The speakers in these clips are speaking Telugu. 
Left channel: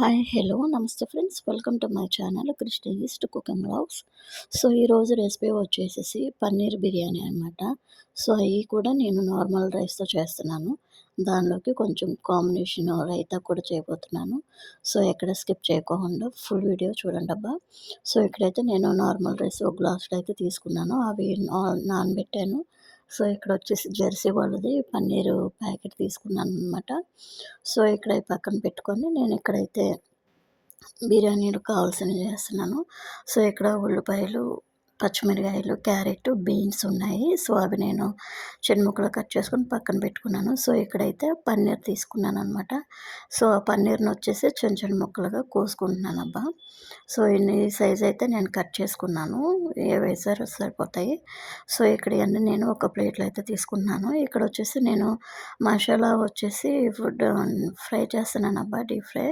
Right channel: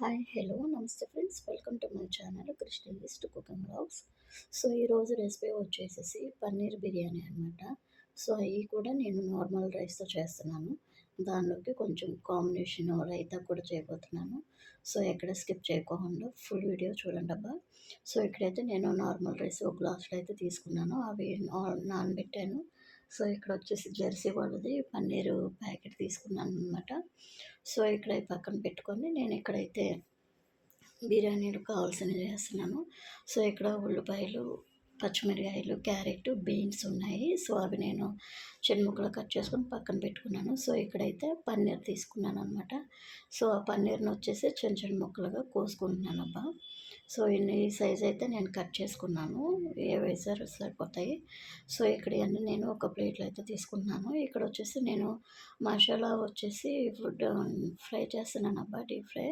హాయ్ హలో నమస్తే friends welcome to my channel Krishna east cooking vlogs. So ఈరోజు రెసిపీ వచ్చేసేసి పన్నీర్ బిర్యానీ అనమాట. సో అవి కూడా నేను నార్మల్ రైస్తో చేస్తున్నాను. దానిలోకి కొంచెం కాంబినేషన్ రైతా కూడా చేయబోతున్నాను. సో ఎక్కడ స్కిప్ చేయకుండా ఫుల్ వీడియో చూడండి అబ్బా. సో ఇక్కడైతే నేను నార్మల్ రైస్ ఒక గ్లాసులో అయితే తీసుకున్నాను, అవి నానబెట్టాను. సో ఇక్కడ వచ్చేసి జెర్సీ వాళ్ళది పన్నీరు ప్యాకెట్ తీసుకున్నాను అనమాట. సో ఇక్కడ పక్కన పెట్టుకొని నేను ఇక్కడైతే బిర్యానీకి కావాల్సినవి చేస్తున్నాను. సో ఇక్కడ ఉల్లిపాయలు, పచ్చిమిరపకాయలు, క్యారెట్, బీన్స్ ఉన్నాయి. సో అవి నేను చిన్న ముక్కలు కట్ చేసుకొని పక్కన పెట్టుకున్నాను. సో ఇక్కడైతే పన్నీర్ తీసుకున్నాననమాట. సో ఆ పన్నీర్‌ని వచ్చేసి చిన్న చిన్న ముక్కలుగా కోసుకుంటున్నానబ్బా. సో ఈ సైజ్ అయితే నేను కట్ చేసుకున్నాను. ఏవేసారో సరిపోతాయి. సో ఇక్కడ ఇయన్నీ నేను ఒక ప్లేట్‌లో అయితే తీసుకున్నాను. ఇక్కడ వచ్చేసి నేను మసాలా వచ్చేసి ఫ్రై చేస్తున్నానబ్బా, డీప్ ఫ్రై.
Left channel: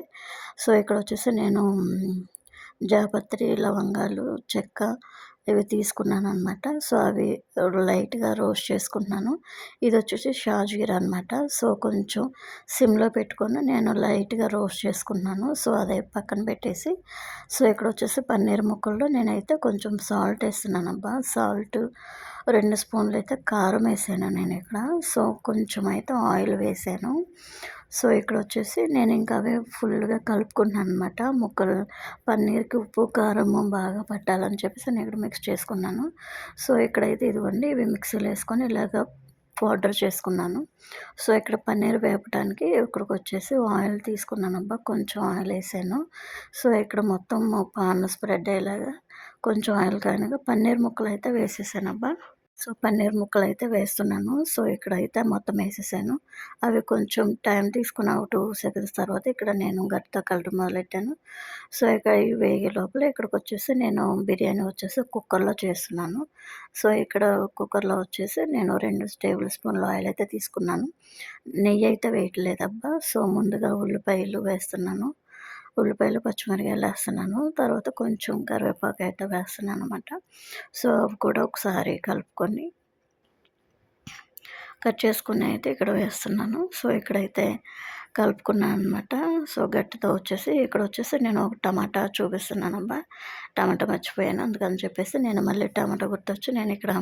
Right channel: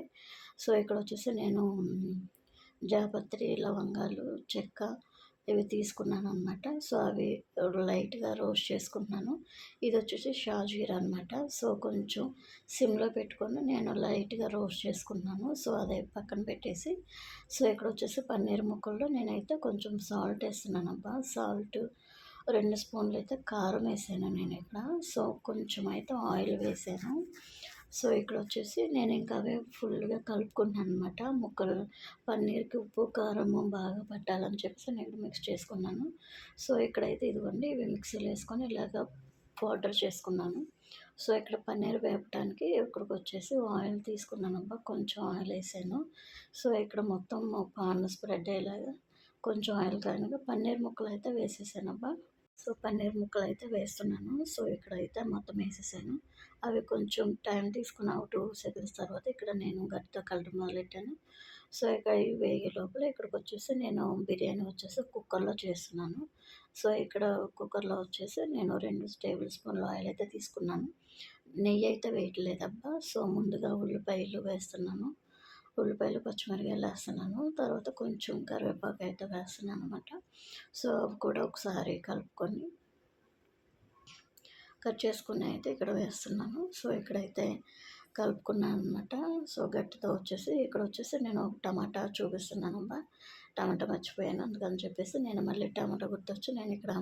సో ఇక్కడ వచ్చేసి నేను జాపత్రి, లవంగాలు, చెక్క ఇవి తీసుకున్నాననమాట. సో అవి లైట్‌గా రోస్ట్ చేసుకుంటున్నాను. ఇది వచ్చేసి షాజీరా అనమాట. సో కొంచెం సిమ్‌లో పెట్టుకొని నేను లైట్‌గా రోస్ట్ చేసుకున్నాను. సో అదే పక్కన పెట్టేసి, సో ఇక్కడ వచ్చేసి పన్నీర్ ముక్కల్లో నేనైతే కొంచెం సాల్ట్ వేస్తున్నానబ్బా. సాల్ట్ 2 స్పూన్లు అయితే కారం వేసాను నేను ఇక్కడ. సో కొంచెం అయితే ఆయిల్ వేసాను. సో ఇక్కడ వచ్చేసి నేను ఇంకా అవే ఫుల్గా కలుపుకున్నాను అనమాట. ముక్కలు పన్నీర్‌కి ఉప్పు, కారము బాగా పట్టాలని చెప్పేసి నేను ఇక్కడ మిక్స్ చేసుకున్నాను. సో ఇక్కడైతే ఇదిగోండి ఇవి మిక్సీలో వేసుకొని ఇలాగ పౌడర్ చేసుకున్నాను. సో ఇక్కడ పన్నీర్ వేపడానికి ఇక్కడికొచ్చేసి ఆయిల్ తీసుకున్నానబ్బా. కొంచెం ఆయిల్ వేసాను. సో ఇక్కడ మొత్తం పాన్ స్ప్రెడ్ అయ్యేలాగా కొంచెం ఆయిల్ కాగానే పన్నీర్ ముక్కలైతే వేసేసానబ్బా. సో పన్నీర్ ముక్కలైతే వేస్తున్నాను. సో ఇక్కడైతే మొత్తం వేసేసాను. అవి కొంచెం టైం తీసుకుని ఒక 2 సెకండ్స్ తర్వాత ఇక్కడ నేను గరిటెతో కలపడం మొదలెట్టాను. సో ఇక ఇవి వేగే లోపల ఇక్కడికొచ్చేసి నేను బిర్యానీ వచ్చేసి కుక్కర్‌లో చేస్తున్నాను. సో ఇక్కడ కుక్కర్‌లో వచ్చేసి నేను 2 టేబుల్ స్పూన్ల ఆయిల్ అయితే తీసుకున్నాను. నెయ్యి అయితే వేయట్లేదబ్బా. సో ముందుగా ఉల్లిపాయలు వేస్తున్నాను. ఉల్లిపాయలు, పచ్చిమిరపకాయలు వేస్తున్నాను. తర్వాత కొంచెం కరివేపాకు అయితే వేస్తున్నాననమాట. సో అవి కూడా ఒకసారి కలుపుకొని కట్ చేసుకుని అయితే ఇక్కడ వేస్తున్నాను. సో ఇక్కడైతే కలుపుకున్నాననమాట. సో గట్టితో వచ్చేసి ఇక్కడొచ్చేసి నేను ఒక టమాటా చూపిస్తున్నానబ్బా. టమాటా మర్చిపోయాను. అందుకని చెప్పేసి నేను మళ్ళీ టమాటా గుర్తొచ్చి నేను ఇక్కడ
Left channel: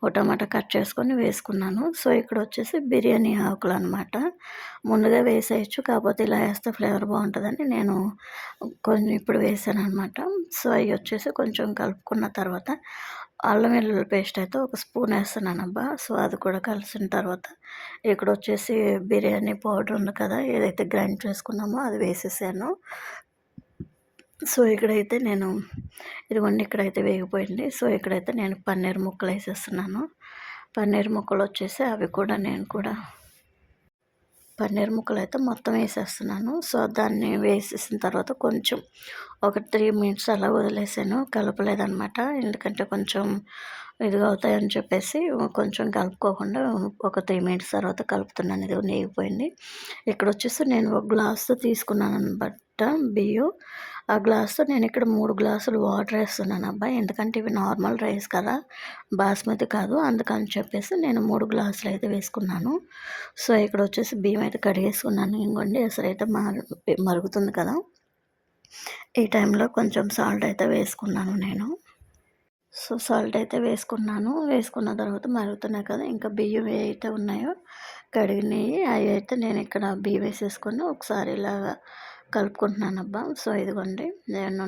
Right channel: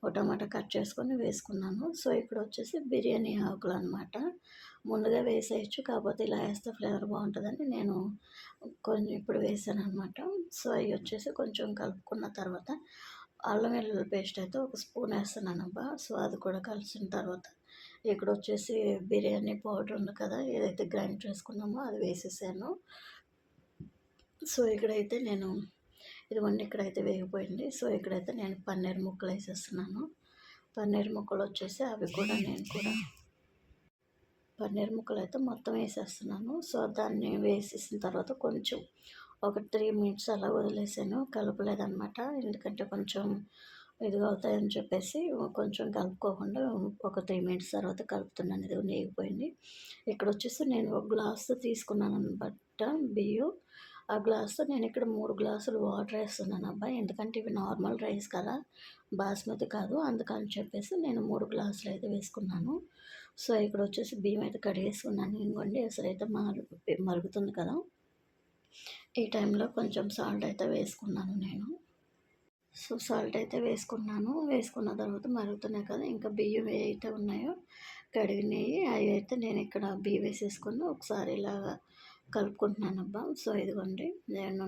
ఒక టమాటా కట్ చేసుకొని వేసుకున్నాను. సో ఇక్కడొచ్చేసి బిర్యానీ ఆకులనమాట. ముందుగా వేసేయొచ్చు. కాకపోతే ఇలా వేస్తే ఫ్లేవర్ బావుంటదని నేను కొన్ని ఇప్పుడు వేసాననమాట. సో అయి వచ్చేసి కొంచెం కలుపుకున్న తర్వాత అల్లం వెల్లుల్లి పేస్ట్ అయితే ఒక స్పూన్ వేస్తున్నానబ్బా. సో అది కూడా కలిసిన తర్వాత ఇక్కడొచ్చేసి బిర్యానీ పౌడర్ ఉంది కదా, ఏదైతే గ్రైండ్ చేసుకున్నామో అది వేసేసాను. సో ఇక్కడైతే నేను ఇదిగోండి ఇక్కడైతే వేగిపోయింది. సో ఇక్కడైతే నేను పన్నీర్ ముక్కలు వేసేస్తున్నాను. పన్నీర్ ముక్కలు వచ్చేసి అవి కూడా నేను కూడా పన్నీర్ ముక్కలైతే మొత్తం వేసేస్తున్నాను. సో దాన్ని వేసేసిన తర్వాత కొంచెం ఒక 3 మినిట్స్ అలా వదిలేసాను. కలపలేదనమాట. ఎందుకంటే కొంచెం ఇదిగా అవుతాయని చెప్పేసి కొంచెం కలుపుకోకుండా ఒక 3 మినిట్స్ తర్వాత కలుపుతున్నాను. ఇది నేగిపోయింది. ఇక్కడొచ్చేసి నేను ఒక గ్లాస్‌తో తీసుకున్నాననమాట బియ్యం. ఆ గ్లాస్‌తో నేను ఇక్కడ 3 గ్లాసులు వాటర్ వేస్తున్నానబ్బా. ఎందుకంటే ఇవి నార్మల్ రైస్ కదా, బాస్మతి కాదు. అందుకని చెప్పేసి నేను 3 గ్లాసులు అయితే వేసుకున్నాను. సో ఇక్కడొచ్చేసి బియ్యం అయితే కడిగేసుకున్నాను. ఇంగోండి ఎసరైతే మరుగుతుంది కదా, ఈ టైంలో కొంచెం సాల్ట్ అయితే వేసుకున్నాను నేను. సో సాల్ట్ అయితే వేసుకున్నాను. వేసుకున్న తర్వాత మరుగుతున్నాయి కదా, ఇంకా బియ్యం ఏవైతే ఉన్నాయో కడిగినవి అవి అయితే నేను ఇక్కడ బియ్యం వేసేసుకొని ఒకసారి ఇలాగా కలుపుకుంటున్నానబ్బా. సో ఇదిగోండి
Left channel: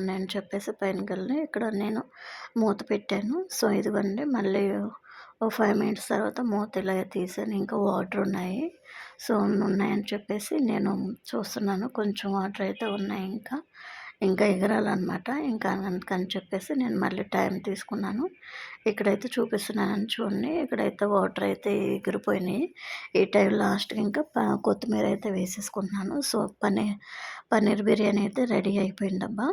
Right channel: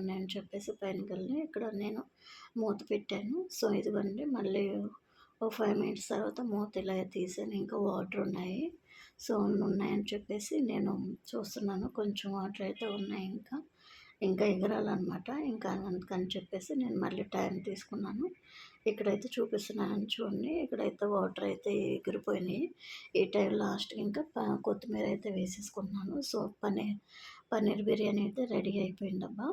నేను చెప్పేసి పైనకెళ్ళి ఇక్కడ నేను మూత పెట్టాను. సో ఇదిగోండి మళ్ళీ ఓ 5 మినిట్స్ తర్వాత మూత ఇలాగ తీసాను. ఇంకా వాటర్ ఉన్నాయి. సో ఉన్నాయని చెప్పేసి నేను చూస్తున్నాను. కొంచెం వాటర్ అయితే ఉన్నాయి ఇంకా. ఇంకా ఎగరాలనమాట. ఇంకా అందుకని చెప్పేసి నేను మళ్ళీ టైం తీసుకున్నాను. ఇక్కడైతే చూపిస్తున్నానని చూడండి. ఇక్కడైతే వాటర్ అయితే ఎగిరిపోయినాయి. ఈ టైం లాస్ట్‌కి ఇంకా కొత్తిమీర అయితే వేసేసుకుంటున్నాను. సో పన్నీర్ బిర్యానీ అయితే రెడీ అయిపోయిందబ్బా.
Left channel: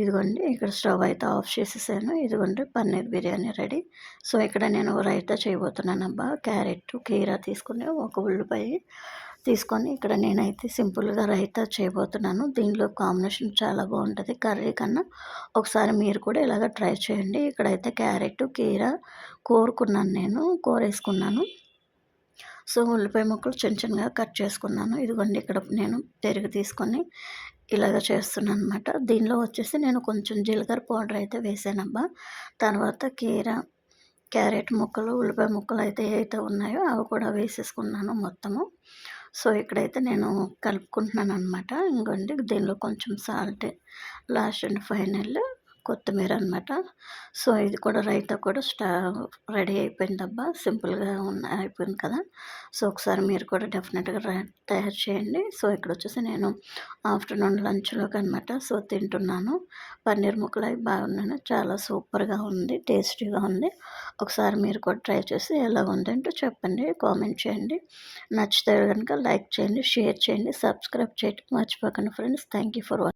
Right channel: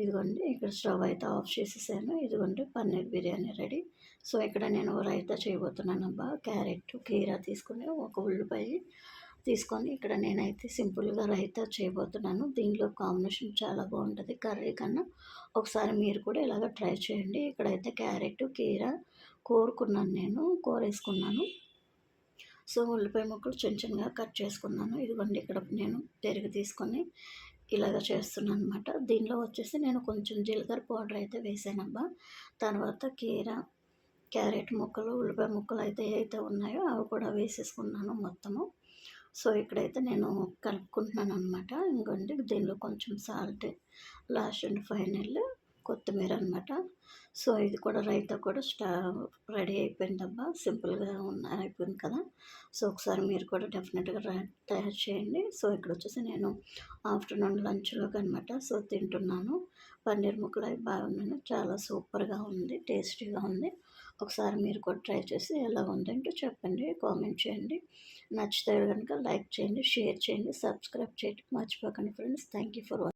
ఇదిగోండి ఇక్కడ స్టవ్ అయితే ఆఫ్ చేసేసాను. ఇదిగోండి పన్నీర్ బిర్యానీ రెడీ. సో ఇక్కడ నేను రైతా చేయబోతున్నానబ్బా. క్యారెట్, కీరా తీసుకొని ఒక ఉల్లిపాయ తీసుకొని ఇక్కడ నేనైతే సింపుల్‌గా రైతా చేయబోతున్నాను. దీనిలో కాంబినేషన్ చాలా బావుంటది కర్రీ కన్నా. ఒకసారి మీరు కూడా ఇలాగ ట్రై చేయండి. ఇక్కడైతే క్యారెట్, కీరా కోరుకున్నాను నేను. కూరేసుకున్నాను. సో ఉల్లిపాయ ముక్కలు చిన్న చిన్నగా కట్ చేసుకున్నాను. ఇదిగోండి ఇక్కడ నేను పెరుగు తీసుకొని ఇలాగ చేస్తున్నాననమాట. దీనిలో వచ్చేసి నేను కొంచెం జీలకర్ర పౌడర్ అయితే వేసానబ్బా. తర్వాత క్యారెట్ ముక్కలు, ఉల్లిపాయ ముక్కలయితే ఏవైతే ఉన్నాయో అవి కూడా వేసేసుకున్నాను మొత్తము. సో, ఇక్కడైతే నేను కలుపుకుంటున్నాననమాట. ఇంగోండి దీనిలో కొంచెం సాల్ట్, లాస్ట్ అండ్ ఫైనల్ కొత్తిమీర అనమాట. సో, ఇది కూడా రైతా కూడా రెడీ అయిపోయిందబ్బా. సింపుల్‌గా అయిపోయింది కదా! సో, ఒకసారి మీరు కూడా డెఫినెట్‌గా తయారు చేయండి. సో, ఇక్కడొచ్చేసి నేను ఆఫ్టర్‌నూన్ లంచ్‌లోకనమాట. సో, తింటున్నాను. పన్నీర్ ముక్కలు అవి బాగున్నాను. చాలా సూపర్‌గా ఉంది. టేస్టీగా ఉంది. ఒకసారి మీరు కూడా ట్రై చేసి ఎలా ఉందంటో చెప్పండి. కామెంట్ చేయండి. నచ్చితే గనుక లైక్ చేయండి, షేర్ చేయండి, సబ్స్క్రైబ్ చేయడం మర్చిపోకండి friends. Thank you for watching.